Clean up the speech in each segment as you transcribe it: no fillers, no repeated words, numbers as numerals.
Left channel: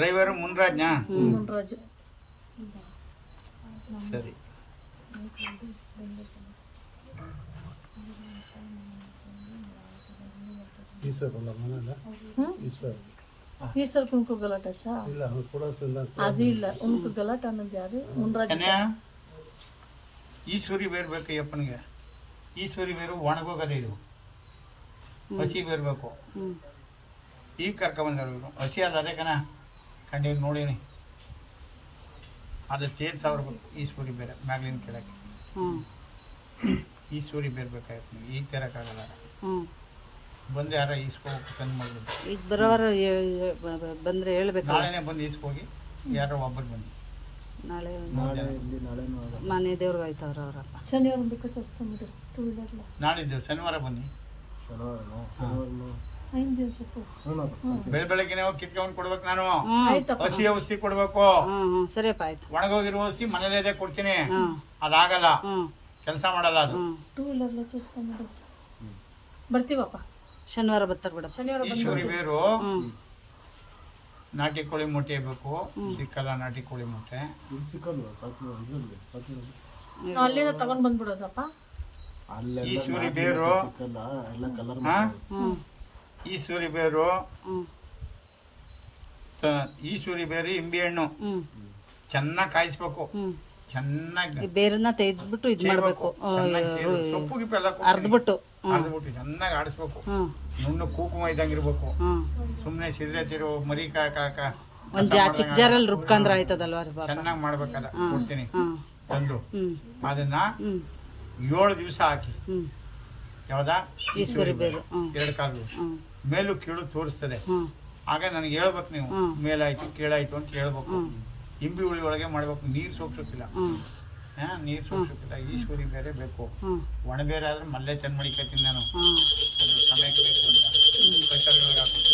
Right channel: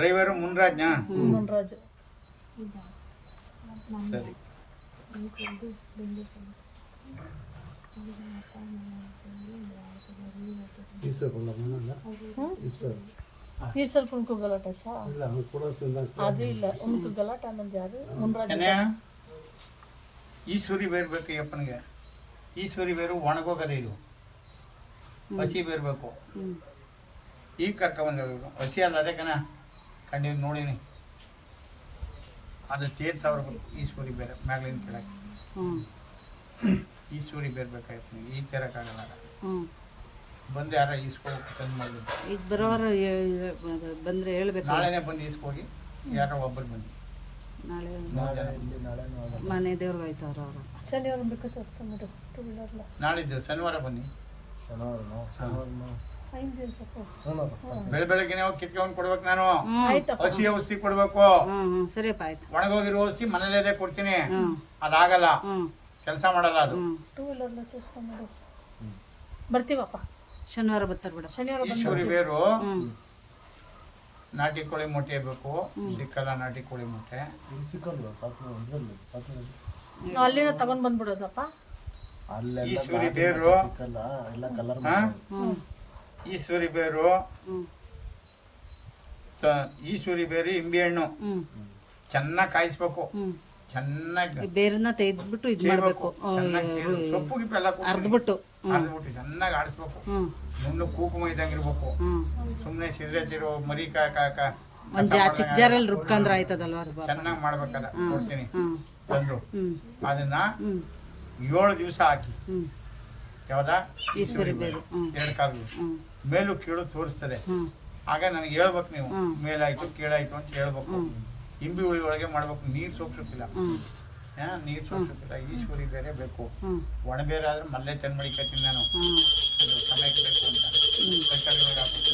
Driver ಮುನ್ರಾಜ್ನಾ? Munraju. ಸರಿ. ఈశ్వర్ ఇంకో గలాట అది ಇಲ್ಲ ఇంకో గలాట ಅನ್ನೋದು ಯಾವುದು? ಮುನ್ರಾಜು. ಈಶ್ವರಿ ಬೇರು ಬೇಕು ಅಪ್ಪನಿಗೆ. ಈಶ್ವರಿ ಬೇರು ಒಣಗೋಗದೆ, ಇದು ಹಸಿ ಬೇರು ಬೇಕು. ಈಗ ಕರ್ಕೊಂಬಂದಿರು ಹಸಿ ಅಲ್ಲ, ಅದೇ ಕಣ ಕಂಡು ನೋಡೀನಿ. ಅದು ಚೇರ್ ಸಾವಿರ ಬೇಕು ಈಶ್ವರಿ ಬೇರೆ ಮ್ಯಾಗ್ಲಿನ ಕೆಳಗೆ. ಈಶ್ವರಿ ಬೇರೆ ಬೇಕಾಗಿತ್ತು, ಈಗ ತರೋಕ್ಕಾಗಲ್ಲ. ಬಂದು ಯಾರ ಈಸ್ಕೋಬೇಕು ತಂದು ಮಾಡಿದ್ರು. ಈಗ ಬರೋರು ಬಂದರೆ ಹೇಳ್ಬೇಕು. ನಾಳೆನೇ ಬಂದು ಈಸ್ಕೋಗಿ ಯಾರೋ ಒಬ್ಬರು ಬನ್ನಿ. ನಾಳೆ ಮನೆ ದೇವ್ರಿಗೆ ಆಯ್ತವ್ರ ಅವರಪ್ಪ. ಶನಿವಾರ ಬೇಕಾದ್ರೆ ವಸ್ತು ಮಾಡಿ 2 ವೀಲರ್ಲ ನಾಳಿದ್ದು ಶನಿವಾರ ಬನ್ನಿ. ಬೆಳಗ್ಗೆನೆ ಹೋಗಿ ಕಿತ್ಕೊಂಡು ಕೊಡ್ಬೇಕು. ನಾನು ಹಸಿ ಔಷಧಿ ಕೊಡ್ಬೇಕು. ಸರಿಯಪ್ಪ ಆಯ್ತು. ಒಣಗೋಗಿರೋ ಔಷಧಿ ಮನೇಲೇ ಕೊಡ್ತೀನಿ. ಅದಾಗಲ್ಲ, ಕೆಲಸ ಮಾಡಲ್ಲ ಅದು. 2 ವೀಲರ್ಲ ಚೂಸ್ತಾ ಮಾಡು. ಬರ್ತೀವಪ್ಪ ಶನಿವಾರ ಬರ್ತಾರೆ ಬಿಡ. ಈಶ್ವರಿ ಬೇರು ನಾಟಿ ಕೋಳಿ ಮೊಟ್ಟೆ ಬೇಕು. ಸಿಕ್ಕಲ್ಲ ನಾಟಿ ಕೋಳಿ ಮೊಟ್ಟೆ. ಅಲ್ಲಿನ ತಗೊಂಡ್ ಬಂದ್ಬಿಡೋದಪ್ಪ. ಈಶ್ವರಿ ಬೇರು, ಈಶ್ವರಿ ಬೇರು, ಈಶ್ವರಿ ಬೇರು, ಇಂಬೆ ಹಣ್ಣು ಚೆನ್ನಾಗಿ ಕಾಯಿಸ್ಬೇಕು. ಚೆನ್ನಾಗಿ ಬೇರನ್ನ ತೆಗೆದ್ಬಿಟ್ಟು ಇದು ಮಾಡಬೇಕು. ಸೊಪ್ಪು ಗಿಪ್ಪು ಎಲ್ಲ ಅರ್ದ್ಬಿಟ್ಟು ಚೆನ್ನಾಗಿ ಆಡಿಸ್ಬೇಕು. ನುಣ್ಣು ಕುಂಕುಮ ಇದ್ದಂಗೆ ಇರ್ಬೇಕು. ಸುಮ್ಮನೆ ಸಿದ್ರೆ ತಿರೋ ಮರಿ ಒಂದ್ ಚಿಕ್ಕ ಜಾರಲ್ಲಿ ರುಬ್ಕಂದ್ರ ಆಯ್ತದಲ್ವಾ? ಚೆನ್ನಾಗಿ ಮಾಡ್ಬೇಕಲ್ಲ. ಕೊಡ್ತೀನಿ ತಂದು ಅದನ್ನ 7 ದಿವಸ ಹಾಕಿ. ಯಾವ್ದಾ? ಈಶ್ವರಿ ಬೇರು 2 ಕಾಲು ಮೇಲೂ ಕೀಳು ತೋರಿಸ್ತದೆ. ಆಗ ನನಗೆ ಹೇಳ್ಬೇಕು, ನೀವು ಮೇಲಾಯ್ತು ಕೀಳಾಯ್ತು ಅಂತ ಹೇಳ್ಬೇಕು. ಇಂಬಿ ಹುಳಿ ಒಳಗೆ ಮಾಡ್ಬೇಕು. ನೀರು ಸೋಪ್ಸೋಕಿಲ್ಲ, ನೀರು ಸೋಪ್ಸೋಕಿಲ್ಲ. ಈಶ್ವರಿ ಬೇರೆ ಬೇಕು. ಒಣ ಬೇರೆ ಆದ್ರೆ ಮಲ್ಲೆ ಚೆಂದ ಮಡಿಕತ್ತೀನಿ ನಾನು. ಅದು ಸಮಯಕ್ಕೆ ಬೇಕು ಅಂತ ಕಟ್ಟಡಗಳಿಗೆ ಹಾಕ್ಬೇಕು.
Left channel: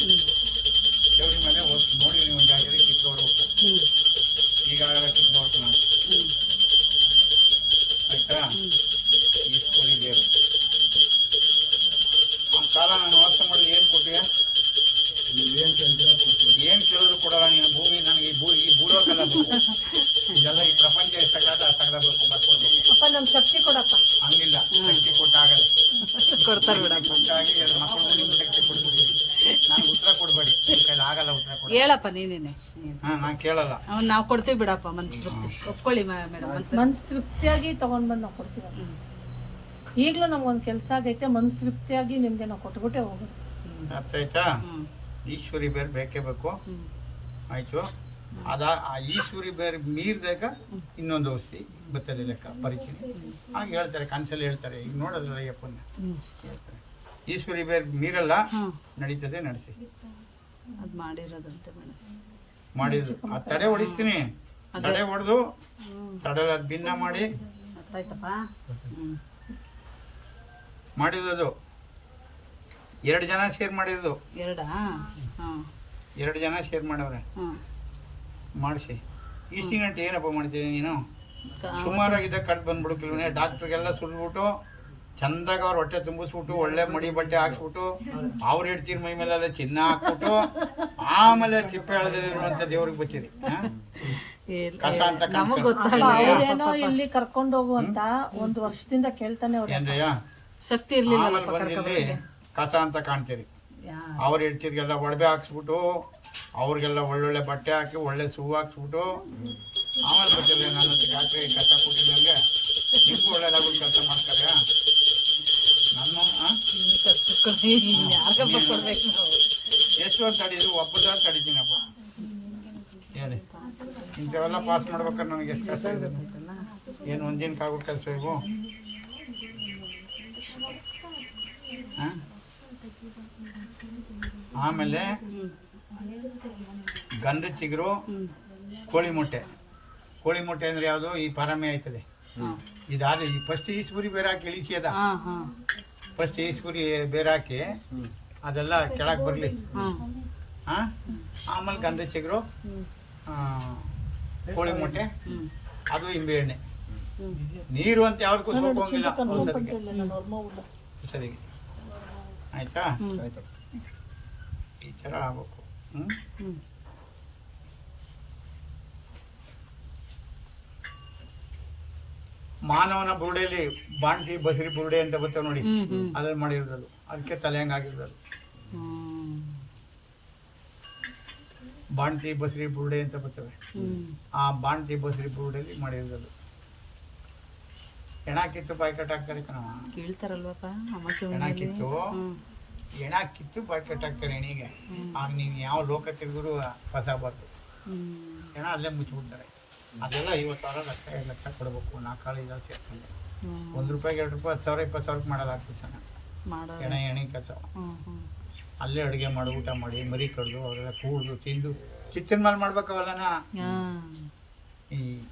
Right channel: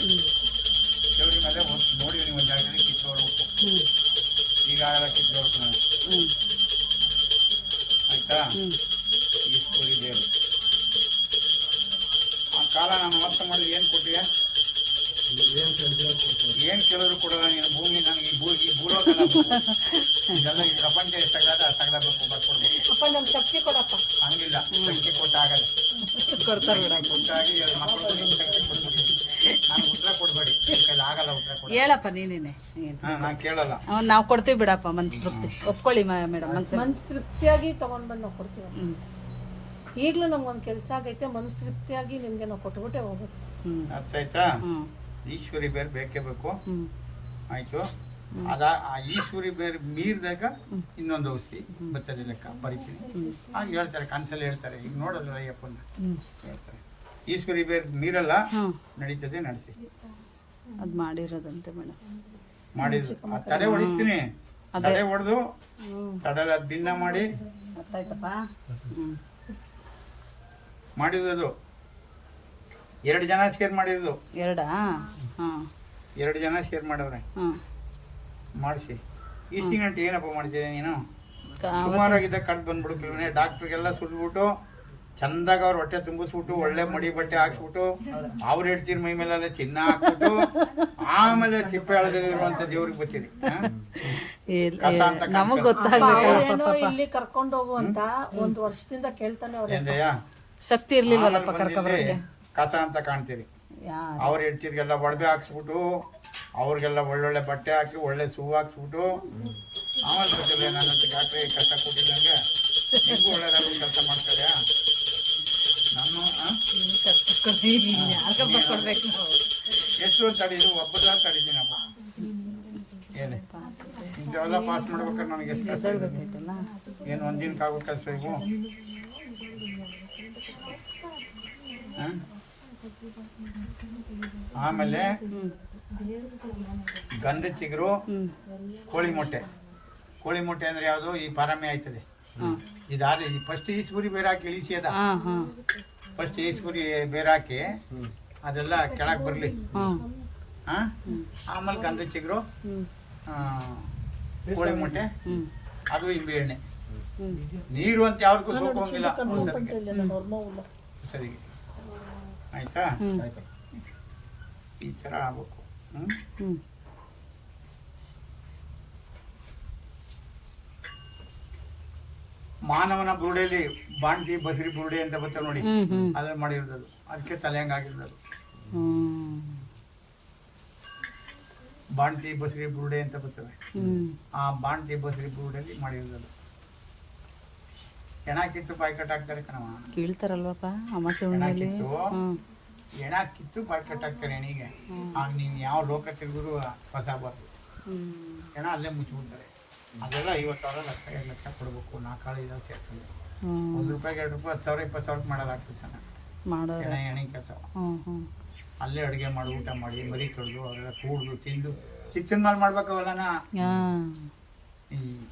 ದೇವ್ರಿ ಮೇಲೆ ಹೋಗಿ ನೋಡಿ, ನೀವು ಒಂದು ಜಾಗದಲ್ಲಿ ಕಿತ್ಕೋಬೇಕು. ಈಗಾಗಲೇ ಕಿತ್ಕೋಬೇಕು ನಾನು. ಆಯ್ತಾ? ಈಶ್ವರಿ ಬೇರು ಆ ಕಾಲ ನಾನು ವಾಸ ಮಾಡಿದ್ರೆ ಏನು ಕೊಟ್ಟಿಯ? ಏನು ಕೇಳಿದ್ರು ಕೊಡಲ್ಲ ನೀನು. ಭೂಮಿ ನನಗೆ ಈ ಭೂಲೋಕಲ್ಲ ಇದೆಲ್ಲ. ಈ ಪ್ರಪಂಚ ಎಷ್ಟಾಗಲ್ಲ ಅಷ್ಟಾಗಬೇಕು. ಬರ್ಕೊಡ್ಬೇಕು. ಶಕ್ತಿ ಕೊಡಪ್ಪ. ಹಂಗಿಲ್ಲ, ಶಕ್ತಿ ಕೊಟ್ಟಾಗಲ್ಲ. ಕೊಡ್ತಾರೆ ಬಿಡಪ್ಪ. ಕೊಟ್ಟಾಗಿ 2 ಮಕ್ಕಳು ನಿಮ್ಗೆ ಶಕ್ತಿ ಕೊಟ್ಬಿಡ್ತೀನಿ. ನಾನು ಉತ್ತರ ಕೊಡ್ಬೇಡಿ, ನಿಮ್ಮ ಕೈಲಿ ಆಗಲ್ಲ ಉತ್ತರ ಕೊಡ. ಹೇಳಪ್ಪ ನೀನೇನೆ. ನಾನು ಕೇಳಲ್ಲ. ನಾವು ಕೊಡ್ತೀವಿ ಬಿಡಪ್ಪ. ಮನ್ಸು ತೃಪ್ತಿ ಒಪ್ಕೊಳ್ಳಿ ಮೇಡಮ್. ಮನ್ಸು ತೃಪ್ತಿಯಾಗಿ ತಗೊಂಡ್ ಬಂದು ನಾವು ಕೊಡ್ತೀವಿ. ಈಗಲೂ ನಮ್ಗೊಂದು ಕೆಲಸ ಆಗೈತೆ. ಮನ್ಸು ತೃಪ್ತಿಯಾಗಿ ನಿಮ್ಗೆ ನಾವು ಕೊಟ್ಬಿಟ್ಟೆ ಹೋಗೋದು. ಅರ್ಥ ಆಯ್ತಾ? ಈಶ್ವರಿ ಬೇರೆ ಬೇಕೇ ಬೇಕು. ಆಯ್ತು. ಆ ಈಶ್ವರಿ ಬೇರೆ ಮೀರಿದಾಗ ಇನ್ನೊಂದು ಔಷಧಿ ಬರ್ತದೆ ಲೆಕ್ಕ ಬರಿತೀನಿ. ಹಾಗೆ ಹೇಳ್ತಾರೆ, ಕನ್ಸಲ್ಲಿ ಹೇಳ್ತಾರೆ. ಈಗ ನೋಡಲ್ಲ ಅಯ್ಯಪ್ಪನ ಹೇಳ್ತಾರೆ. ಈಶ್ವರಿ ಬೇರೆ ಮೀರಲ್ಲ, ನಡೀತದೆ, ನಡೆಸಿ. ಅದು ಮಾಡಿರೋದಂತೆ ಮೇಡಮ್. ಮಾಡಿದ್ರು ಆ ತಡೆ ಹೊಡಿಸ್ತೀನಿ. ತಡೆ ಹೊಡೆದು ತಡೆಲ್ಲ ಭಿನ್ನ ಮಾಡಿ ಗೊತ್ತಾಯ್ತಪ್ಪ. ಮಾಡಿರೋದು 2 ಜನ ಶೇರ್ ಮಾಡಿರೋದು. 2 ಜನ ಶೇರ್ ಮಾಡವ್ರೆ. ಮಾಡಿಸಿ ಇಷ್ಟು ಗಂಟೆ ಏನಪ್ಪ ಮಾಡ್ತಿದ್ದೆ ನೀನು? ಸುಮಾರಾಗಿದ್ದ ಕಡ್ದು ಬಂದ್ಬಿಡುಕಿಲ್ವೇ? ಡಾಕ್ಟ್ರಿಗೆಲ್ಲ ಸುರಿದ್ಬಿಟ್ಟು ಚಂದಾಗ ಅವ್ರ ಹೊಟ್ಟೆ ತುಂಬಿಸ್ಬಿಟ್ಟು ಒಳ್ಳೆ ಮಡಿ ಬಟ್ಟೆ ಹಾಕ್ಸ್ಬಿಟ್ಟು ಅವ್ರು ಹೇಳ್ತೀರಿ ಮೈ ಮೇಲೆಲ್ಲ ಚಿನ್ನ ಹಾಕ್ಬಿಟ್ಟು ಆಮೇಲೆ ಚಿಪ್ಪೆ ಎಳೆದಿರುವಂತ ದೇವ್ರಿಗೆ ಬಚ್ಚಿರಿ. ಕಸ ಅಂತ ಇಲ್ಲಿ ಕರ್ಕೊಂಡು ಹೋಗುವಂತ 1 ವರ್ಷದಿಂದ ಕೇಳ್ತಾನೆ ಏನ್ರಯ್ಯ ಶಕ್ತಿ ಇರ್ಲಿಲ್ಲ. ಕಸ ಅಂತ ಕಾಣ್ತೀರಿ. ಅವ್ರ ಹೇಳ್ತೀರಿಗೆಲ್ಲ ಒಡವೆ ಹಾಕ್ಸ್ಬಿಟ್ಟು ಅವ್ರಿಗೆಲ್ಲ ಒಳ್ಳೊಳ್ಳೆ ಬಟ್ಟೆ ಹಾಕಿ ಒಳ್ಳೆ ಸೂ ಹಾಕ್ಸ್ಬಿಟ್ಟು ಆಮೇಲೆ ಬರ್ತಿಲ್ಲ ನನ್ನ ಡಾಕ್ಟ್ರೆ ಕಷ್ಟ ಕೊಟ್ಟು ನನಗೆ ನಿಮಗೂ ಒಳ್ಳೇದಾಗೋದು ಕೆಲಸ ಮಾಡ್ತಾರೆ. ನಾನು ಎಷ್ಟು ವರ್ಷ ತಡೀದು? ಒಬ್ಬದ ತಡೀತೀನಪ್ಪ. ಹೇಳಿ, ಇಂಥವೆಲ್ಲ ಪಾಸ್ ಮಾಡ್ಬೇಕಾದ್ರೆ ನನಗೆ ಎಷ್ಟು ಕಷ್ಟ ಏನು ಒಂದಿನಕ್ಕಾಗೋ ಕೆಲಸ ಇವು. ಆಮೇಲೆ ಗಂಧ ಚಿಗುರು, ಕೋಳಿ ಮೊಟ್ಟೆ. ಕೋಳಿ ಮೊಟ್ಟೆ ಅಂದ್ರೆ ಯಾವುದು? ಈ ಪಾರಮೆ ಆಯ್ತದೆ. ಇದಾದ್ರೆ ಈ ಫಸ್ಟ್ ಈಶ್ವರಿ ಬೇರೆ ಹಾಕಿ ಇಳಿಸಿ. ಅದ ಫಸ್ಟ್ ಈಶ್ವರಿ ಬೇರೆ ಹಾಕಿ ಅದೆಲ್ಲ ಕೆಳಗೆ ಬರಲಿ. ಆಮೇಲೆ ಗಂಧ ಚಿಗುರು, ಕೋಳಿ ಮೊಟ್ಟೆ, ಅದು ಇಂಬೆ ಎಣ್ಣೆ. ನೀರು ಅಂತ ಯಾವ್ದಕ್ಕೂ ಸೋಕೋಂಗಿಲ್ಲ ಸರಿಗೆ. ಆಯ್ತಾ? ಈ ಥರ ಆಗ್ಬೇಕು. ಮಾನವನ ಬುರುಡೆಯಲ್ಲಿ ಬಾಣ್ತಿ ಬಸರಿ ಬುರುಡೆ ಅಂತ ಬರ್ತವೆ ನೋಡಿ, ಅದ್ರಲ್ಲಿ ಮಾಡಿರೋದು. ಅದಕ್ಕೆ ತಲೆ ಹಂಗಾಗಿರೋದು. ಬಾಣ್ತಿ ಬಸರಿ ಬುರುಡೆ ಅಂತ ಬರ್ತವೆ. ಆ ಬಾಣ್ತಿ ಬಸರಿ ಬುರುಡೆಯಲ್ಲಿ ಮಾಡಿರೋದು. ಹೆಣ ಕಿತ್ತು ಬಾಯಿ ಕಟ್ಟಾಕ್ತಾರೆ ಕಣವ. ಕೇಳ್ತಾರಲ್ವಪ್ಪ ಅಮಾಸೆ ಹೆಣ ಕಿತ್ತು ಹೆಣ ಕಿತ್ತು ಬಾಯಿ ಕಟ್ಟಾಕ್ತಾರೆ ಹೆಣಿಗೆ. ಆಗ ನೀವು ಯಾವ ಲೋಕ ತಿರುಗಿದ್ರು ಫಸಾಬಾರ್ದು. ಹೆಣ ಅಲ್ಲೇ ಮುಚ್ಚಿಬಿಡ್ತಾರೆ. ಅದೆಲ್ಲ 50,000 ಲಕ್ಷ 2 ಲಕ್ಷ ಕೊಡಬೇಕು. 4-5 ಸೇರ್ಕೊಂಡು ₹1 2 ರೂಪಾಯಿ 10,000 20,000 ಮಾಡೋದಾಗ್ತದೆ ಸಣ್ಣ ಹೆಣಿ ಕೆಲಸ. ಅಲ್ಲೇ ಅಡುಗೆ ಮಾಡಿ ಊಟ ಮಾಡಿ ಮರಿ ಕಡ್ದು ಅವರೆಲ್ಲ ಕೂಡ್ದು ತಿಂದು ಕಿಚನ್ ಮೇಲೆ ಮಾಡ್ಬೇಕವಲ್ಲನ.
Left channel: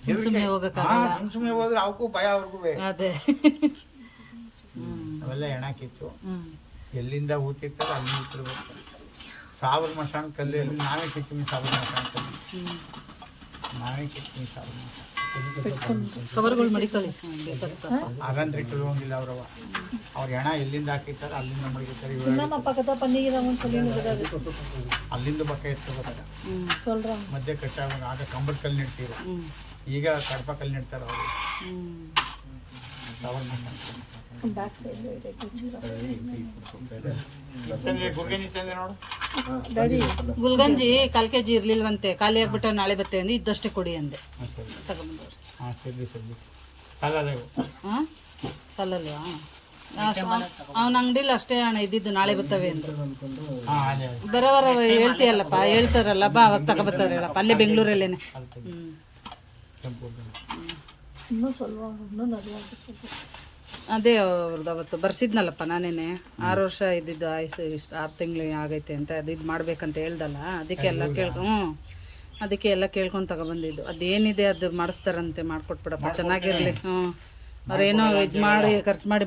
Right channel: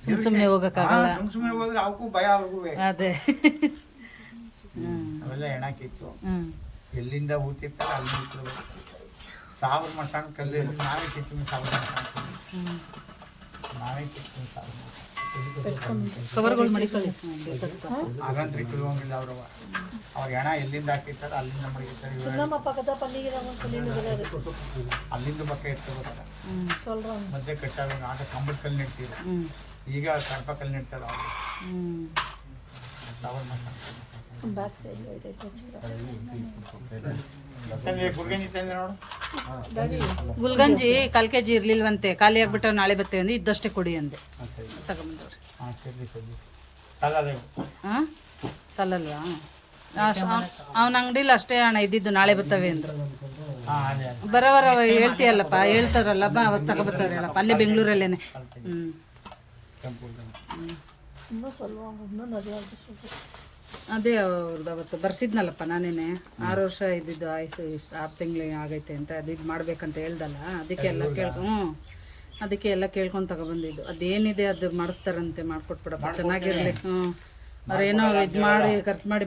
ಸುಮ್ಮನೆ ಹೋಗಕ್ಕಾಗಲ್ಲ. ಸುಮ್ಮನೆ ಹೋದ್ರೆ ಅವಕ್ಕೂ ಭಯ ಅವ್ರಿಗೂ. ಅದೇ ಅವೆಲ್ಲ ಹೆಣ ಕಿತ್ತು ಎಲ್ಲಿಂದ ಊತಿರ್ತಾರೆ ಅಲ್ಲಿ ಊತಿರ್ಬೇಕು. ಸಾವಿರ ಮಸಾಣ ಕಲ್ಲಲ್ಲಿ ನಾವೇ ಕಿತ್ತೀವಿ. ಸಾವಿರ ಮಸಾಣ ಕಲ್ಲಿ ನಾವೇ ಕಿತ್ತೀವಿ. ಸಾವಿರ ಮಸಾಣ ಕವರ್ಗಳು ಮಡಿಕೊಳ್ಳಿ. ಹಾಗಂದ್ರೆ ಇಟ್ಟುವಂಗಿಲ್ಲ ಅವ್ರವ. ಅವ್ರ ಹೆಣ ಎಲ್ಲಿಂದ ಹಾಕಿರ್ತಾರೆ ಅಲ್ಲಿಂದ ಮಡಗಿರ್ತಾರೆ. ಅಲ್ಲಿಂದ ಪಕ್ಕ ಇರ್ತಿರ್ಬೇಕಾಗ ಮಧ್ಯೆ ಕಟ್ಟಾಗ ಆಗ ಕಂಬದ ಕಲ್ಲು ನೆಡ್ತೀವಿ. ಈಗ ಕಡಪ ಕಲ್ಲು ನೆಡ್ತಾರೆ ಅವರು. ಗುಲ್ಗಂಜಿ 1/4 kg ಇರ್ಲಿಲ್ವಂತೆ, ಖಾಲಿ ಆಗ್ಬಿಟ್ಟು ನಾಳೆ ಬರ್ತೇವೆ ಅಂದ್ರೆ ಇದ್ದಷ್ಟೇ ಕೊಡಿ ಅಂದೆ. ತಗೊಂಬಂದವ್ರಿ. ಸಲ್ಲಲ್ವಾ? ಅವನ ಅಂಗಡಿಲಿ ಅಷ್ಟೇ ಹಣ ಇದ್ದಿದ್ದು, ನಾಳೆ ಬರ್ತವೆ ಅಂದ್ರು. ಬರೋವರ ಹೇಳ್ತೀಯಲ್ಲಪ್ಪ, ಹೇಳ್ತಾರಲ್ಲ ಬಾ ಅವಾಗ ತಗೊಬರ್ತಾರೆ ಹೇಳಪ್ಪ. ಅಲ್ಲೇ ಬೆಂಗಳೂರಲ್ಲೇನೆ. ಅದೇ ಅವ್ರದ್ದು ಅವತ್ತು ಬರ್ಸಿದ್ನಲ್ಲಪ್ಪ ನಾನೇನೆ. 6 ವರ್ಷ ಇದ್ದಿದ್ದು ಆಯ್ಸು ಇಷ್ಟು 6 ತಿಂಗಳು ಆಗೈತೆ ಅಂತ ಅದು ಇದು ಮಾಡ್ಬೇಕಂತ ಹೇಳ್ದಲ್ಲ. ಅದಕ್ಕೆ ಎಲ್ಲ ಕೇಳ್ಕೊಂಡು ತಗೊಬಂದಿದ್ದು. ಅದೇನಿದೆ ಅದು ಮಾಡಿಸ್ತಾರಂತೆ, ಮಾಡ್ಕೊಟ್ಬಿಡಪ್ಪ ಚೆನ್ನಾಗಿರ್ಲಿ. ಅವ್ರೇನೋ ಇದು ಮಾಡಿ ಖರ್ಚು ಮಾಡಿ